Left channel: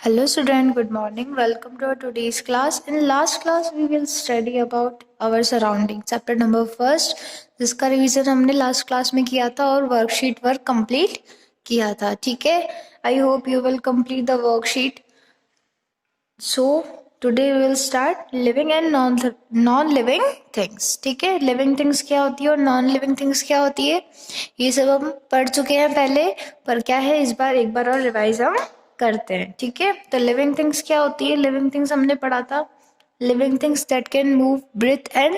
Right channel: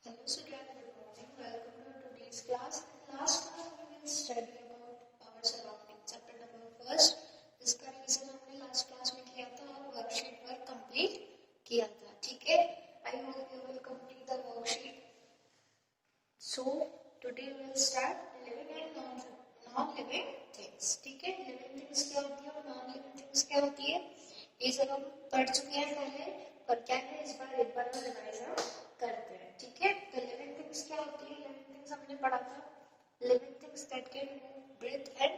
Hello student, good morning. Welcome to our today's class. In last class we will study about our surroundings. Chapter number first, जिसका revision हमने last class में किया था और worksheet work complete किया था. ठीक है, I hope you will complete the worksheet. So today we will start living and non living things. ठीक है, लिविंग थिंग्स क्या होती है और नॉन लिविंग थिंग्स क्या होती है, ये सब हम पढ़ चुके हैं पहले, पर क्या है इस बार एक बार और रिवाइज हम करते हैं. ठीक है, तो लिविंग थिंग्स क्या होती है. लिविंग थिंग्स हमने पढ़ा था, living things that can move, breathe and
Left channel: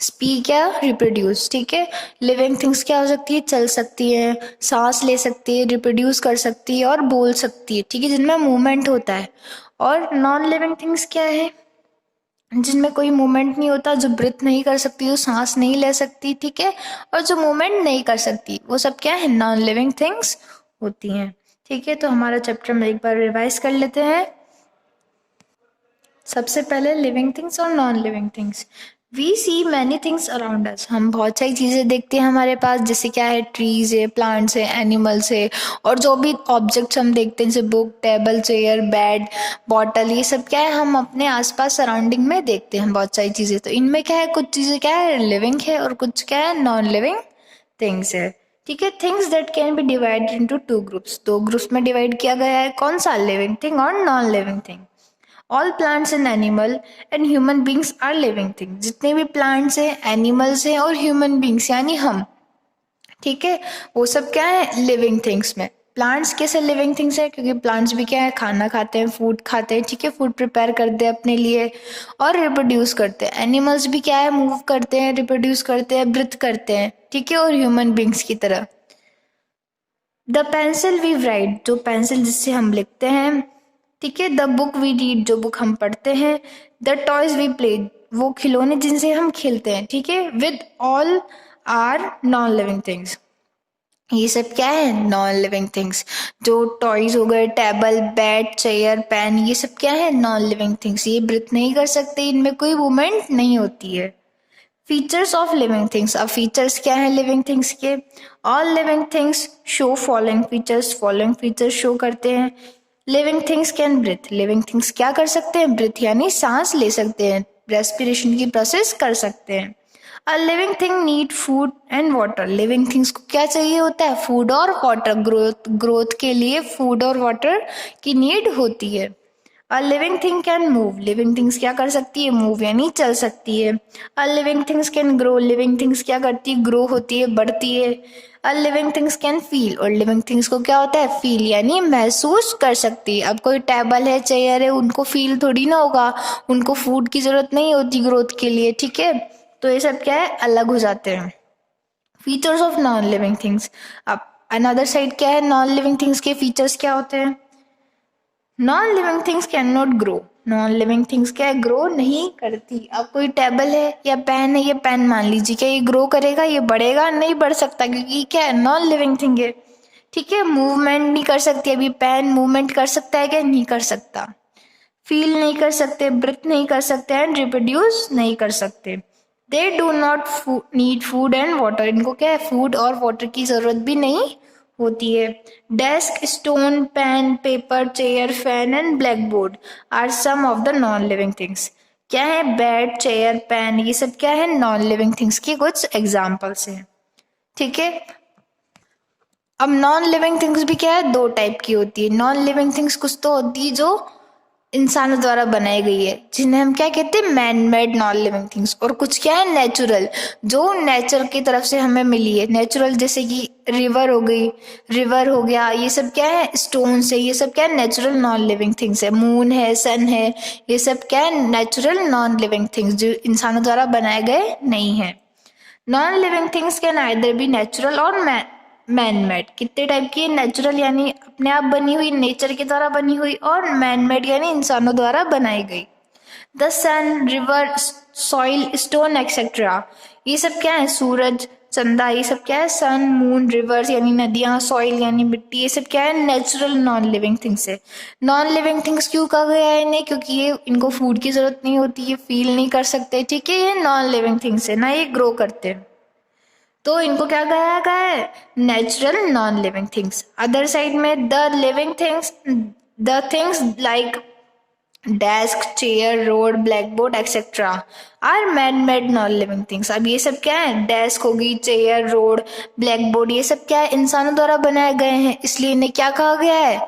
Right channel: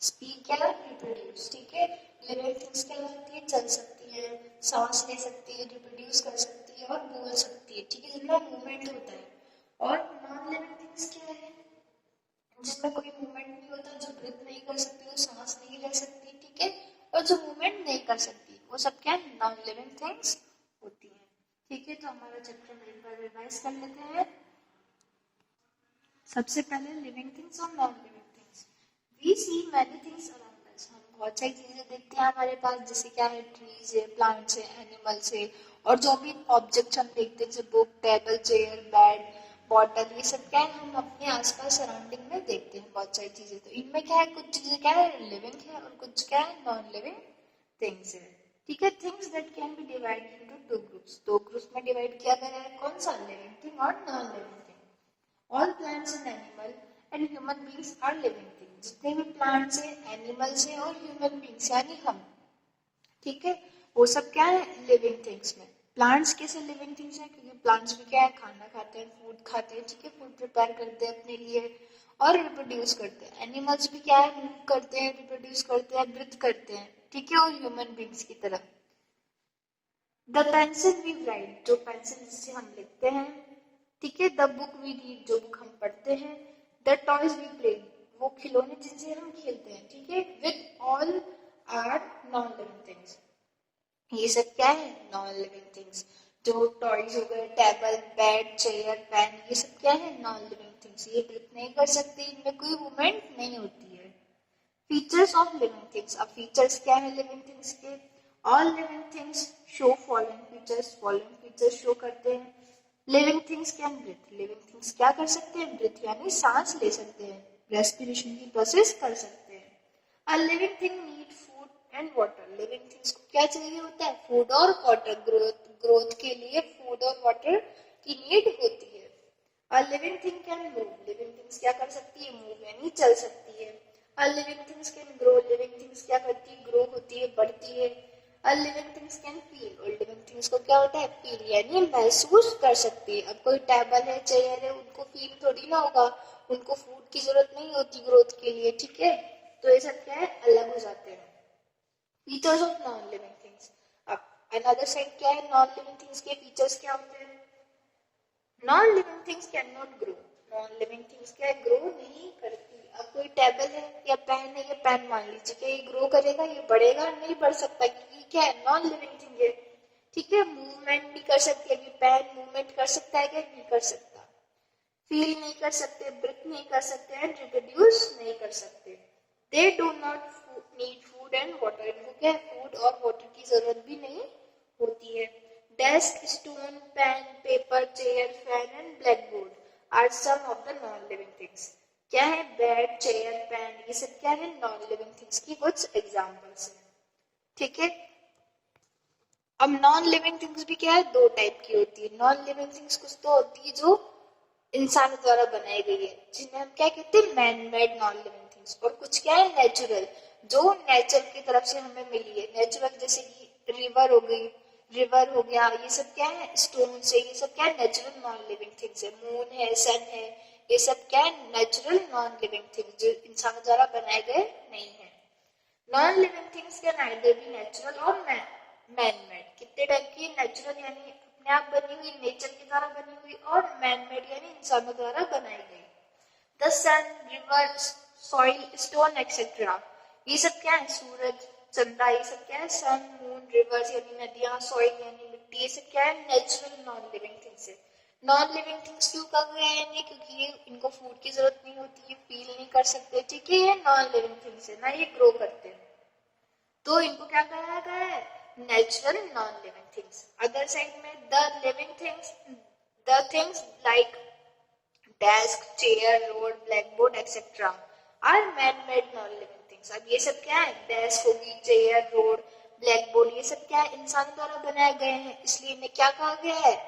speak या रिप्रोड्यूस. ठीक है, लिविंग थिंग्स क्या हो सकती है, चल सकती है, सांस ले सकती है, रिप्रोड्यूस कर सकती है और बोल सकती है. ठीक है, जिनमें मूवमेंट होता है. और नॉन लिविंग थिंग्स क्या है, जिनमें कोई मूवमेंट नहीं होता, जो ब्रीथ नहीं कर सकती, जो सांस नहीं ले सकती. ठीक है, और जो मूवमेंट नहीं कर सकती, वो सब क्या है, नॉन लिविंग थिंग्स होती हैं. ठीक है, तो हमारा चैप्टर में एक बार रिवाइज कर लेते हैं. सबसे पहले लिविंग थिंग्स और non living things. We see many things around us. हम बहुत सारी चीज़ें देखते हैं हमारे पास, जैसे क्या है, ट्रीज है, प्लांट्स है, एनिमल्स है, और जो भी ऑब्जेक्ट्स हम देखते हैं जैसे book, table, chair, bed, bottle, ये सब क्या है, हम अपने आसपास सराउंडिंग में देखते हैं बहुत सारी चीज़ें. तो इनमें क्या है, कुछ चीज़ें क्या है लिविंग है और कुछ क्या है नॉन लिविंग थिंग्स है. ठीक है, things that can be divided into two groups. दो ग्रुप्स में डिवाइड किया गया है, कौन सा, लिविंग थिंग और non living thing. All plants and animal and human beings are living thing. जितने भी प्लांट्स हैं, एनिमल्स हैं और ह्यूमन बींग्स यानी हम, ठीक है, वो सब क्या है लिविंग थिंग्स में. प्लांट्स कैसे लिविंग थिंग्स है, क्योंकि प्लांट्स भी क्या है, खाना खाते हैं, फूड खाते हैं. ठीक है, फूड प्रिपेयर करते हैं अपने लिए और रिप्रोड्यूस करते हैं. एनिमल्स भी क्या है, मूव करते हैं, रिप्रोड्यूस करते हैं, ब्रीथ करते हैं. ठीक है, और ह्यूमन बींग्स की तरह. द पेंसिल वी राइट, जो पेंसिल जिससे हम लिखते हैं. ठीक है, द बुक वी रीड, जो बुक हम पढ़ते हैं. द टॉयज वी प्ले, वो खिलौने जिनसे हम खेलते हैं. ठीक है, with all are non living things. ये सब क्या है, नॉन लिविंग थिंग्स. जो टॉयज हो गए, टेबल, बेड, चेयर, पेन, ये सब क्या है, नॉन लिविंग थिंग्स. ये ब्रीथ नहीं कर सकते, इनमें कोई मूवमेंट नहीं होती है. Features of living things. अब फीचर्स क्या है लिविंग थिंग्स के. All living things show following features. Following features show करते हैं. Living things can breathe. Living things क्या कर सकते हैं, ब्रीथ यानी सांस ले सकते हैं, रेस्पिरेशन की प्रोसेस कर सकते हैं. A living thing need food and water. Living things को क्या चाहिए होता है, फूड और वाटर. ग्रोथ के लिए फूड और वाटर की नीड होती है. A living thing can move. Living things क्या कर सकती है, मूव यानी चल सकती है. A living things can grow. Living things क्या करती है, ग्रो होती है, बढ़ती है. A living things can feel. और लिविंग थिंग्स को क्या होता है, फील यानी महसूस कर सकती है. अब कोई टेबल है, चेयर है, उनको फील थोड़ी ना होगा, उनको फूड की जरूरत नहीं होती ग्रोथ के लिए. ठीक है, तो ये सब क्या है, अलग हो जाते हैं. Features of non living things. अब अनदर साइड क्या है, नॉन लिविंग थिंग्स के फीचर्स क्या होते हैं. Non living things can not grow. Non living things क्या है, ग्रो नहीं करती. अब कोई टेबल है या पेन है, ये पेन मान लीजिए, क्या ये ग्रो करेगा, ये बढ़ेगा, नहीं बढ़ सकता, क्योंकि क्या है, नॉन लिविंग थिंग है. ठीक है, मूवमेंट नहीं कर सकती. अभी पेन मूवमेंट कर सकता है क्या, नहीं कर सकता. फील नहीं कर सकते, ब्रीथ नहीं कर सकते एंड रिप्रोड्यूस नहीं कर सकते. They do not need food and water. इनको क्या है, फूड और वाटर की जरूरत भी नहीं होती है. Desk, stone, pen, paper, chair, fan and black board are some of the non living things. क्या है, बेड, चेयर, पेन, ये सब क्या है, नॉन लिविंग थिंग्स की कुछ एग्जाम्पल्स हैं. ठीक है, अब नॉन लिविंग थिंग्स भी क्या है, दो टाइप की होती है. नॉन लिविंग थिंग्स कुछ तो होती है जो इंसानों द्वारा बनाई गई है, जिन्हें हम क्या कहते हैं, man made non living things. और कुछ क्या है, नेचुरल, जो नेचर की तरफ से हमें मिली है. नेचुरल जैसे कि रिवर हो गई, रिवर हो गया, ये सब क्या है, स्टोन से, ये सब क्या है, नेचुरल नॉन लिविंग थिंग्स है. मून है, सन है, ये सब क्या है, नेचुरल नॉन लिविंग थिंग्स, जो इंसानों द्वारा बनाए गए नहीं है. Non living things can either be natural और मैन मेड. कितने टाइप की, नेचुरल यानी अपने आप बनी हुई, नेचर के द्वारा बनी हुई, और मैन मेड यानी इंसानों द्वारा बनाई गई. The sun, river, soil, stone etcetera, ये सब क्या है, सूरज, चंदा, ये सब क्या है, सन, मून, रिवर्स यानी नदियां, सॉइल यानी मिट्टी, ये सब क्या है, नेचुरल नॉन लिविंग थिंग्स है. नॉन लिविंग थिंग्स क्यों कहा गया है इन्हें, क्योंकि ये इनको फूड की जरूरत नहीं होती, ये फील नहीं कर सकते. ठीक है, ये नॉन लिविंग थिंग्स है ना, ये ग्रो करते हैं, तो इनको क्या कहा गया है, natural non living things. Other side में the living things, the things like desk, chair, road, black board etcetera are man made non living things. अब ये सब क्या है, डेस्क होगी, चेयर, रोड, ब्लैक बोर्ड, ये सब क्या है, इंसानों द्वारा बनाए गए हैं, इसलिए इन्हें क्या कहा गया है,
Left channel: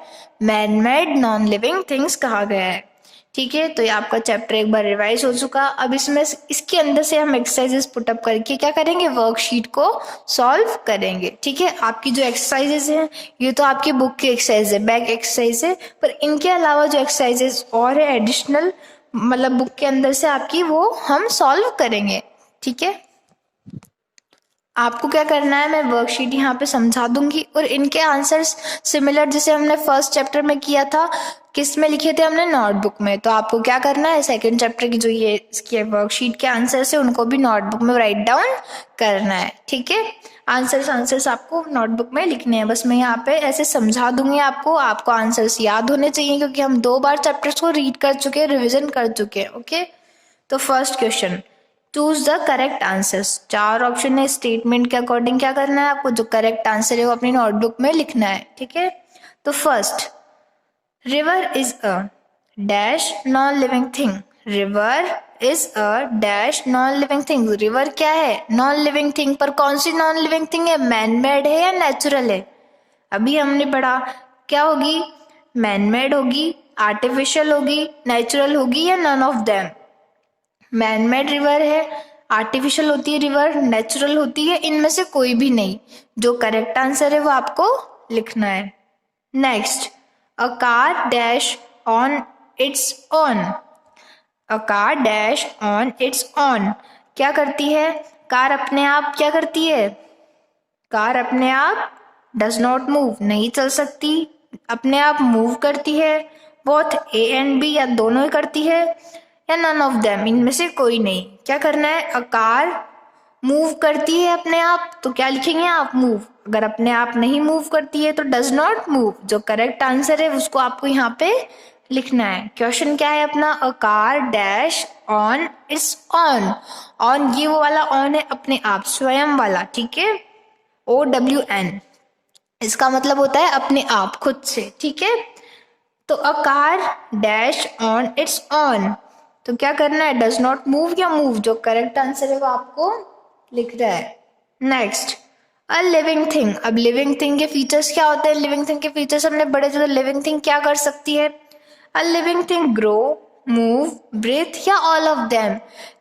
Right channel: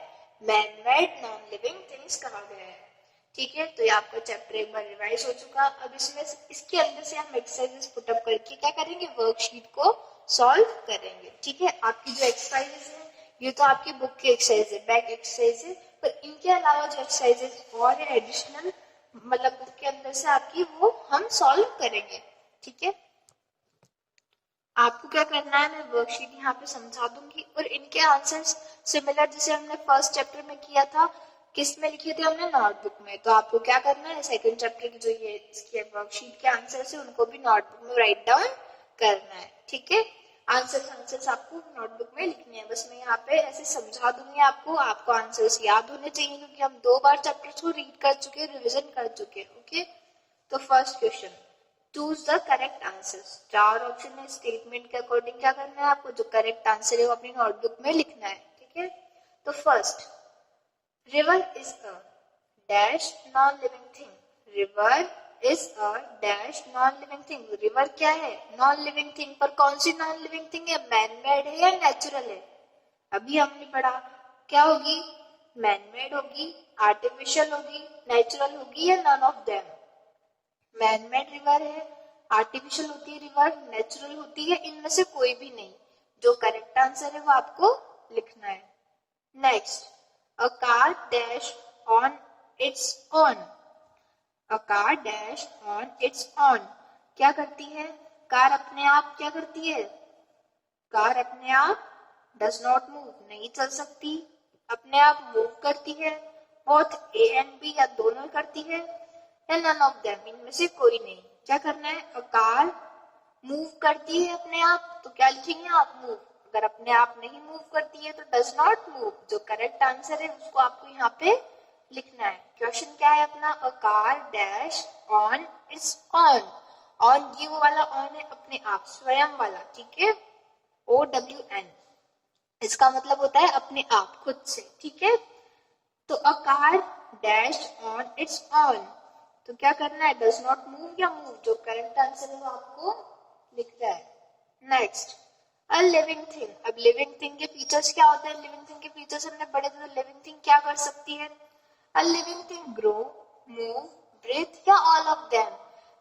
man made non living things कहा गया है। ठीक है, तो ये आपका चैप्टर एक बार रिवाइज हो चुका। अब इसमें इसके अंदर से हम एक्सरसाइजेस पुटअप करके क्या करेंगे, वर्कशीट को सॉल्व करेंगे। ठीक है, आपकी जो एक्सरसाइजेस हैं ये तो आपकी बुक की एक्सरसाइज है, बैक एक्सरसाइज है, पर इनके अलावा जो एक्सरसाइजेस और है एडिशनल, मतलब बुक के अंदर से आपकी, वो हम सॉल्व करेंगे। ठीक है, आपको क्या करना है, मैं वर्कशीट यहाँ पे समझा दूंगी और इनके आंसर्स सिमिलर जैसे हमने फर्स्ट चैप्टर में किया था, किस में लिखे थे हमने, नोटबुक में। तो आपको क्या करना है, सेकंड चैप्टर की जो ये इसकी वर्कशीट के आंसर्स है उनको भी नोटबुक में राइट डाउन करना है। ठीक है, आंसर्स आपको नोटबुक में लिखने हैं। बस मैं यहाँ पे ऐसे समझा दूंगी आपको आंसर्स याद होने चाहिए, क्योंकि हम 2 बार चैप्टर्स को रीड कर चुके हैं, रिविजन कर चुके हैं। ओके, तो first question, choose the correct answers. 4 option है, स्टेटमेंट के अकॉर्डिंग क्या करना है आपको, जो करेक्ट आंसर है वो अपनी नोटबुक में लिखना है। ठीक है, तो first, river is a dash non living thing. River is a dash non living thing. River क्या है, नॉन लिविंग थिंग, पर कौन सी नॉन लिविंग थिंग है, मैन मेड है या नेचुरल है। अभी हमने पढ़ा क्या होगी, मैन मेड होगी, आर्टिफिशियल होगी, नेचुरल होगी, या none of them. Man made river है, आर्टिफिशियल होती है रिवर, नेचुरल होती है, इनमें से कोई भी नहीं। जो करेक्ट आंसर है वो आपको लिखना है। Next, a car dash on it's on. A car dash on it's on, क्या करती है, कार अपने आप क्या करती है, कार अपने आप डज नॉट मूव, नहीं चल सकती, अपने आप मूव करती है, बोथ ए एंड बी या दोनों ही करती है, या नन ऑफ देम, इनमें से कोई नहीं। क्या करना है, अ कार मूव करती है अपने आप, तो क्या लिखेंगे आप, मूव। अगर अपने आप नहीं मूव करती है तो डज नॉट मूव। जो करेक्ट आंसर है उसको आपको यहाँ पे लिखना है। क्वेश्चन क्या है अपना, a car dash on it's on. On ये वो वाला ऑन है, अपने आप, स्वयं वाला। ठीक है, OWN, इसका मतलब होता है अपने आप, खुद से। ठीक है, तो a car dash on it's on, तो क्या करना है, डज नॉट मूव या मूव। जो करेक्ट आंसर है वो आपको लिख रहा है। Next, a living thing. अब लिविंग थिंग के फीचर्स क्या होते हैं, लिविंग थिंग के फीचर्स हमने बड़े जो, लिविंग थिंग क्या कर सकती है, a living thing grow, move, breathe, या all of them.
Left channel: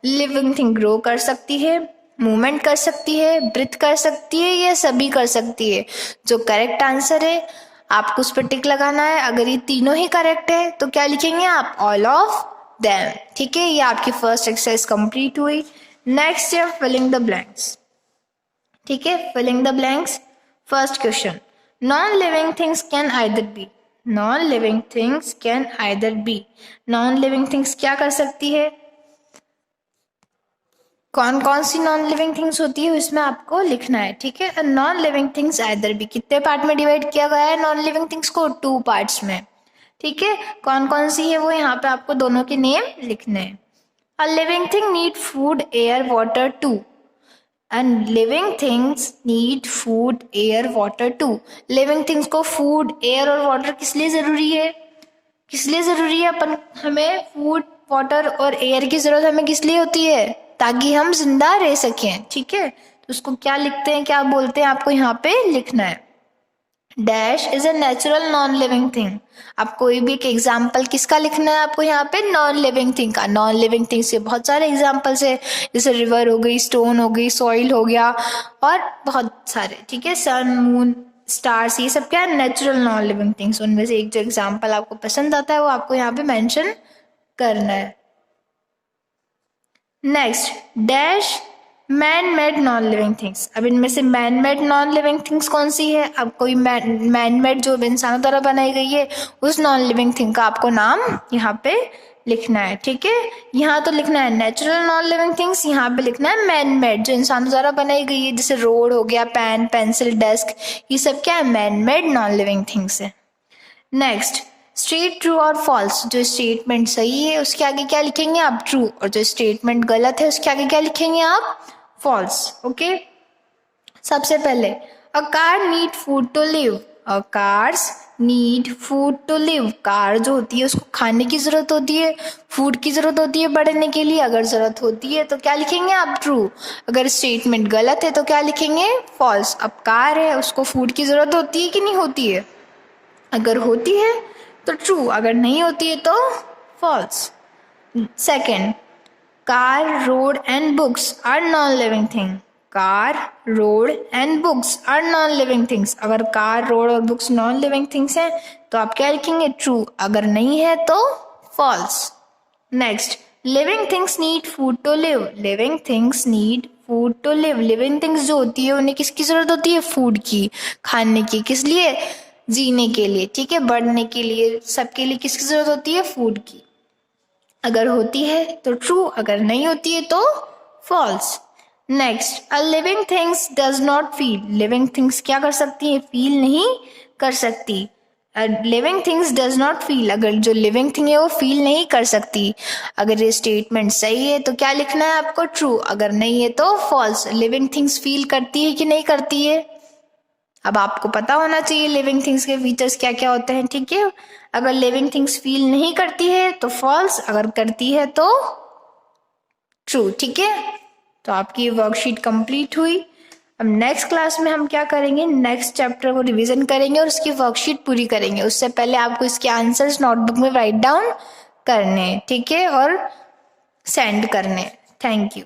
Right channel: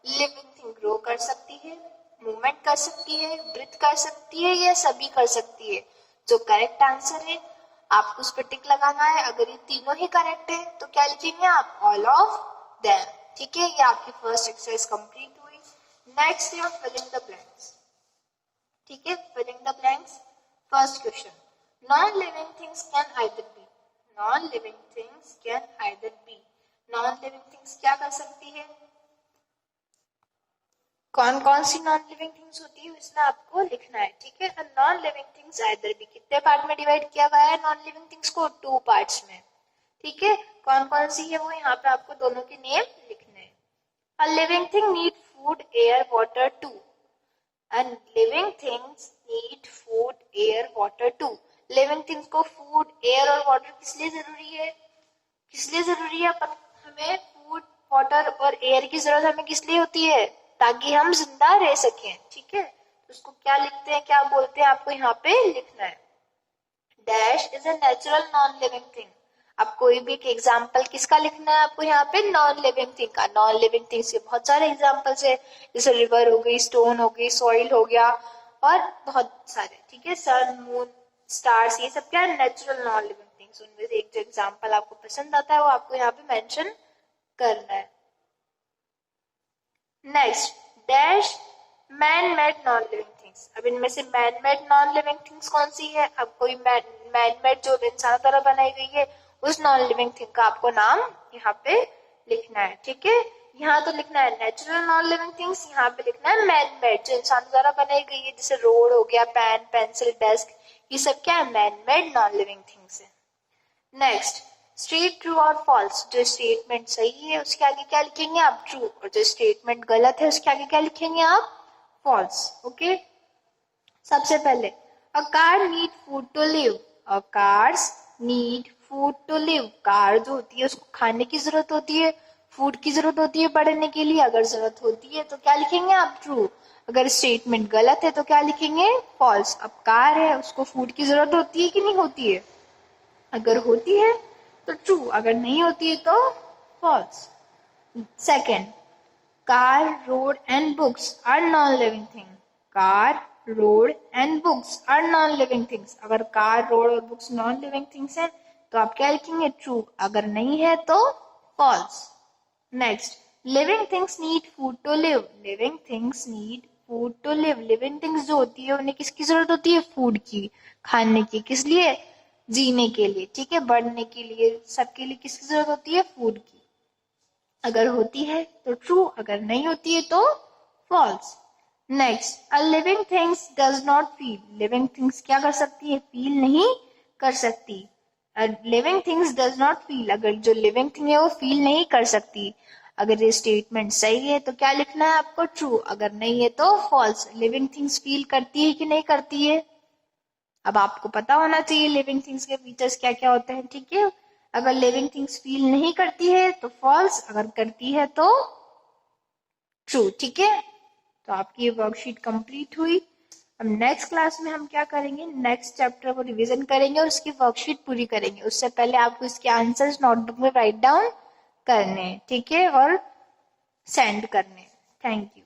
Living thing grow कर सकती है, मूवमेंट कर सकती है, ब्रीथ कर सकती है, या सभी कर सकती है। जो करेक्ट आंसर है आपको उस पर टिक लगाना है। अगर ये तीनों ही करेक्ट है तो क्या लिखेंगे आप, ऑल ऑफ देम। ठीक है, ये आपकी फर्स्ट एक्सरसाइज कंप्लीट हुई। नेक्स्ट है फिलिंग द ब्लैंक्स। ठीक है, filling the blanks. First question, non living things can either be. Non living things can either be, non living things क्या कर सकती है, कौन कौन सी नॉन लिविंग थिंग्स होती है इसमें आपको लिखना है। ठीक है, non living things either be कितने पार्ट में डिवाइड किया गया है, नॉन लिविंग थिंग्स को 2 पार्ट्स में। ठीक है, कौन कौन सी है वो यहाँ पे आपको दोनों के नेम लिखने हैं। A living thing need food, air, water too. And living things need food, air, water too. Living things को फूड, एयर और वाटर किस लिए जरूरी है, किस लिए जरूरी है, अपन हमें फूड, वाटर और एयर की जरूरत हमें किस लिए होती है, ताकि हम जिंदा रह सकें। ठीक है, तो उसको क्या लिखते हैं, क्या बोलते हैं, आपको यहाँ पे लिखना है। Dash is a natural non living thing. आप कोई भी एक एग्जाम्पल किसका लिखना है आपको यहाँ पे, नॉन लिविंग थिंग का। नॉन लिविंग थिंग से बहुत सारे एग्जाम्पल्स है, जैसे रिवर हो गई, स्टोन हो गई, सॉइल हो गया, और बहुत सारे। ठीक है, सन, मून, स्टार्स, ये सब क्या है, नेचुरल नॉन लिविंग थिंग्स। उनमें से एक जो एग्जाम्पल आपको पसंद आता है वो आपको यहाँ पे मेंशन करना है। Next, dash man made non living things. अब इनमें से man made non living things कौन सी है, अब कोई मैन मेड जो इंसानों द्वारा बनाई गई है उस नॉन लिविंग थिंग का आपको नाम यहाँ पे लिखना है। ठीक है, यहाँ तो लिखना है नेचुरल नॉन लिविंग थिंग्स, यहाँ पे लिखना है मैन मेड जो इंसानों द्वारा बनाई गई है, जैसे रोड हो गया, पेन, पेंसिल, डेस्क, ये सब क्या है, man made non living things है। नेक्स्ट, स्ट्रेट, ट्रू और फॉल्स। जो स्टेटमेंट सही है उसके आगे क्या लिखेंगे आप, ट्रू, और जो स्टेटमेंट गलत है उसके आगे क्या लिखेंगे आप, फॉल्स। ओके, सबसे पहले, a car need food to live. A cars need food to live. Car जो होती है उसको खाने की जरूरत होती है, फूड की जरूरत होती है बढ़ने के लिए। अगर जरूरत होती है तो क्या लिखेंगे आप? ट्रू। अगर स्टेटमेंट गलत है तो क्या लिखेंगे? फॉल्स। अब कार है, उसको फूड की जरूरत होती है कि नहीं होती है? अगर होती है तो ट्रू, अगर नहीं होती है तो false. Second, car, road and books are non living thing. Car, road and books are non living things. अगर कार, रोड और बुक्स नॉन लिविंग थिंग्स हैं तो आप क्या लिखेंगे? ट्रू। अगर नहीं है तो false. Next, living things need food to live. Living things need food to live. Living things जो होती है उन्हें किसकी जरूरत होती है? फूड की, खाने की। किस लिए? जीने के लिए, ठीक है, बढ़ने के लिए, सबके लिए किसकी जरूरत होती है? फूड की। अगर होती है तो ट्रू, अगर नहीं होती है तो false. Next, a living things does not feel. Living things क्या कर सकती है? फील नहीं कर सकती। Living things does not feel. अगर जो लिविंग थिंग है वो फील नहीं कर सकती। अगर ये स्टेटमेंट सही है तो क्या लिखना है आपको? ट्रू। अगर नहीं है तो फॉल्स। लिविंग थिंग्स फील करती है कि नहीं करती है? अब आपको पता होना चाहिए लिविंग थिंग्स के फीचर्स क्या क्या होते हैं, ठीक है। अगर लिविंग थिंग्स फील नहीं करती है तो फॉल्स, अगर करती है तो ट्रू, ठीक है। तो आपकी ये वर्कशीट कंप्लीट हुई। अब नेक्स्ट क्लास में हम क्या करेंगे? नेक्स्ट चैप्टर को रिवीजन करेंगे और उसकी वर्कशीट पूरी करेंगे। उससे पहले आपको इसके आंसर्स नोटबुक में राइट डाउन करने हैं, ठीक है, और सेंड करने हैं। Thank you.